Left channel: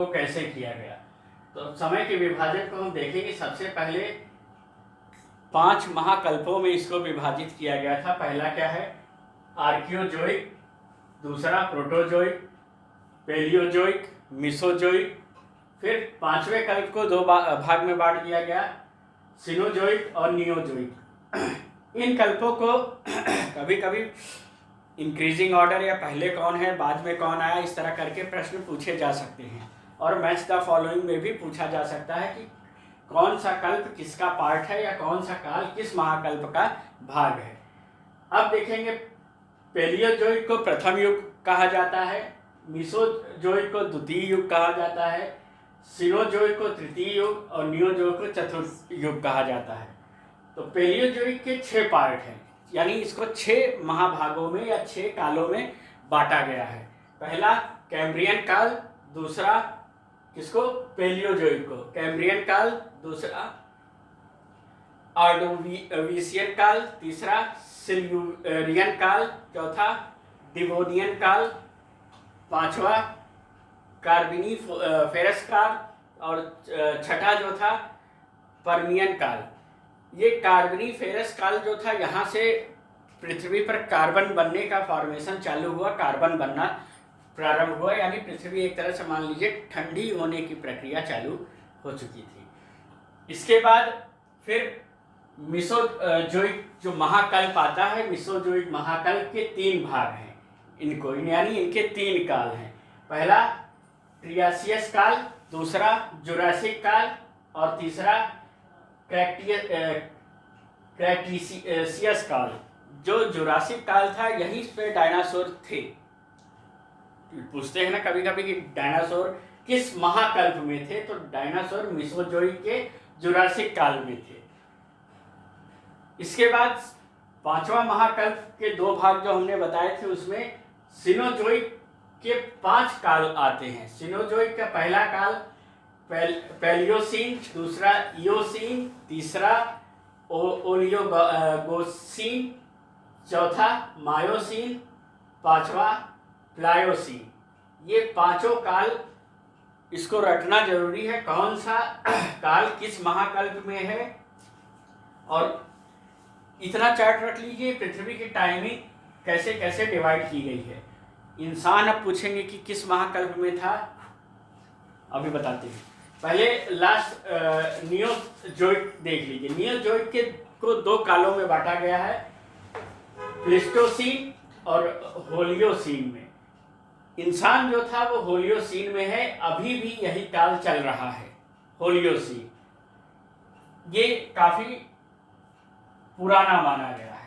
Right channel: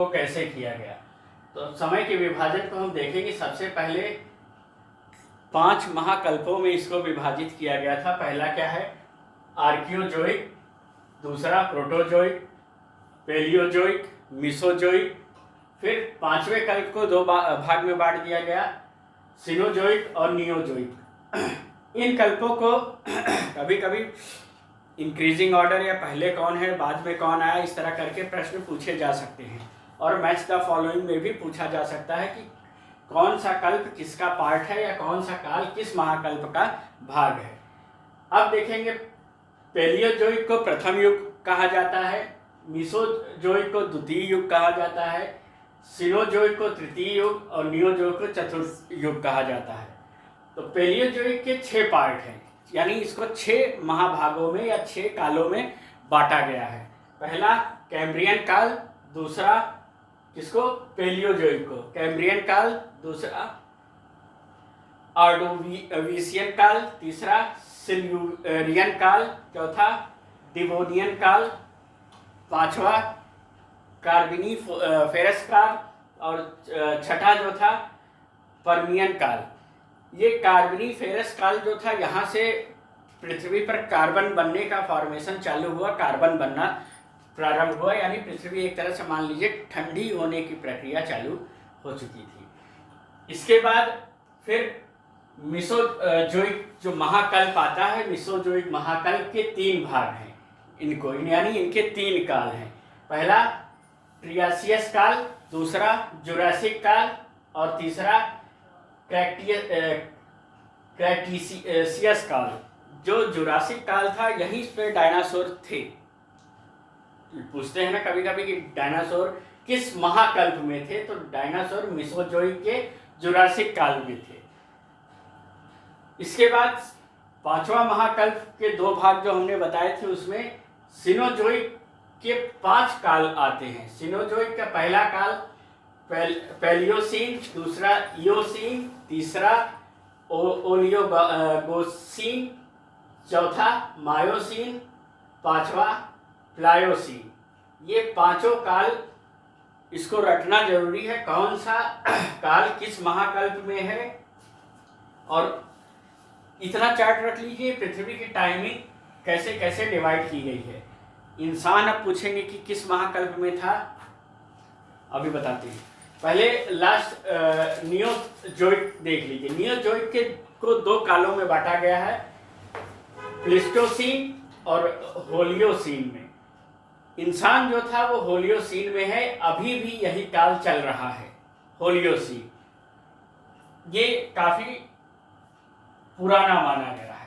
को कैसे किया गया। तो समय के विभाजन को हम देखेंगे। सबसे पहले 5 महाकल्पों में इसको विभाजित किया गया था। पहला क्या है, आर्कियोजोइक, दूसरा प्रोटोजोइक, पेलियोजोइक, मिसोजोइक। फिर 5वें कल्प को 2 भाग में बांट दिया गया, सिनोजोइक और नियोजोइक। इन कल्पों को कभी कभी इंक्रीजिंग ऑर्डर या पहले कौन है बाद में कौन आया, इस तरह करके प्रश्न पूछे जा सकते हैं। और मैच द फॉलोइंग में भी पूछा जा सकता है कि कौन सा कल्प किसका पार्ट है या कौन सा काल किस महाकल्प का भाग है। अब देखेंगे, पेलियोजोइक को प्रथम युग कहा जाता है, मिसोजोइक को द्वितीय युग कहा जाता है, सिनोजोइक को तृतीय युग और नियोजोइक को चतुर्थ युग कहा जाता है। तो पेलियोजोइक के 6 पार्ट हैं, यानी इसको 6 महाभागों में या 6 कालों में बांटा गया है। पहला कैम्ब्रियन काल, दूसरा किसको, पेलियोजोइक को कैम्ब्रियन काल, दूसरा ऑर्डोविशियन काल, तीसरा सिल्यूरियन काल, चौथा डिवोनियन काल, पांचवा कार्बोनिफेरस काल और छठा जो था पर्मियन काल। ये कार्बोनिफेरस काल जो था, यहाँ से पृथ्वी पर कार्बन बनने का फॉर्मेशन चालू हुआ, कार्बन बनना प्रारंभ हुआ, यानी पृथ्वी एक तरह से मान लीजिए ठंडी होने की प्रक्रिया चालू हो चुकी थी। इसके बाद फिर मिसोजोइक जो महाकल्प आता है, मिसोजोइक महाकल्प के 3 भाग हैं इनको, यानी इनके 3 काल हैं। पहला ट्रियासियस काल, दूसरा जुरासिक काल और तीसरा क्रेटेशियस काल। जो जुरासिक काल था, यहीं पे डायनासोर थे। पूछते हैं ना कभी कभी कि डायनासोर किस महाकल्प में थे, तो डायनासोर मिसोजोइक के जुरासिक काल में थे। इसके बाद 5वां महाकल्प के 2 भाग जो हमने बताए थे, उसमें सिनोजोइक के 5 काल आते हैं। सिनोजोइक का पहला काल पैलियोसीन, दूसरा इयोसीन, तीसरा ओलियोगोसीन, चौथा मायोसीन, 5वां प्लायोसीन। ये 5 काल इसको रखना जरूरी है, कौन सा काल किस महाकल्प में है। और इतना चार्ट रख लीजिए, पृथ्वी की टाइमिंग कैसे कैसे डिवाइड की गई है। इंसान अब पूछेंगे कि किस महाकल्प में था, अभी बताते हैं। पहले लास्ट नियोजोइक देख लीजिए। नियोजोइक के को 2 कालों में बांटा गया है, प्लीस्टोसीन और होलियोसीन में। इंसान जो था वो होलियोसीन में है, अभी भी यही काल चल रहा है, होलियोसीन। ये काफी पुराना माना गया है।